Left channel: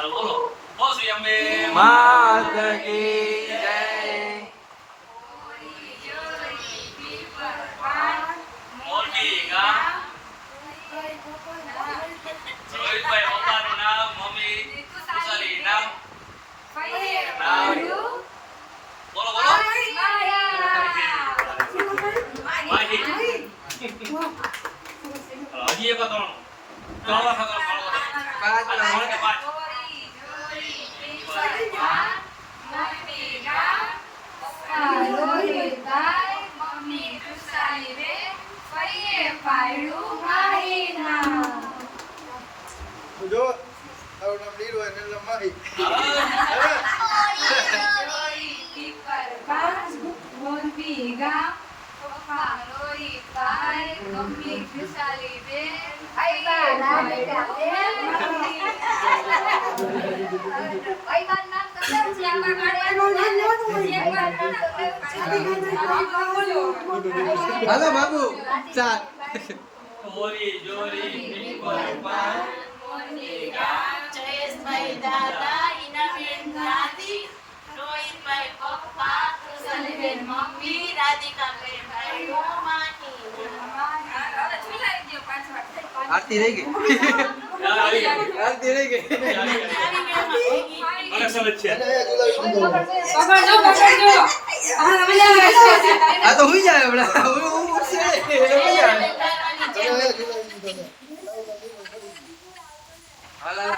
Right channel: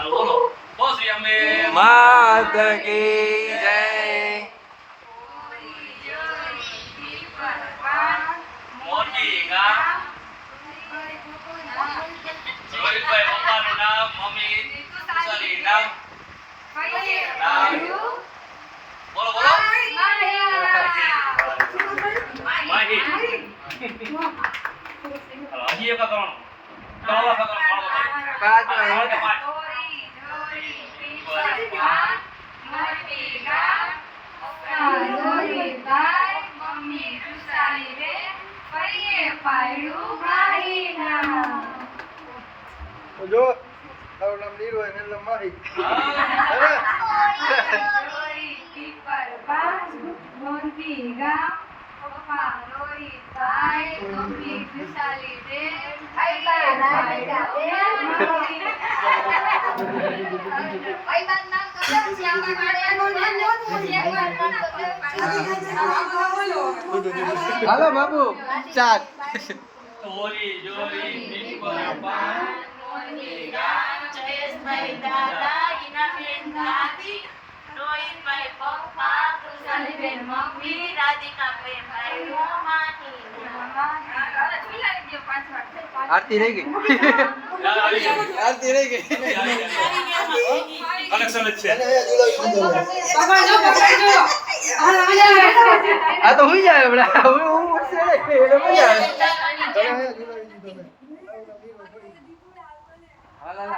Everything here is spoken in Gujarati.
હાલ બોલો બોસી અમે માતા કી જય મોટી ગામ રોહિતભાઈ પપ્પાનું નામ મમ્મી કુશાલી નામ બોલો બોલો માહી હજી એક ત્રણ જો તારું નામ નીર હોય એટલે માહી હાલો બાબુ ચાલ ચોરી ચોરી પીપર પાન જયેશભાઈ દાદા ઈનાબેન દાદી રોહિતભાઈ પપ્પા કૃષાલીબેન મમ્મી રાધિકાબેન ભાઈ માહી આરતી રહી ગઈ આરતી રહી ગઈ કલેક્શન જ છે આ તો હું જાય હમણાં હું હાલ હાલ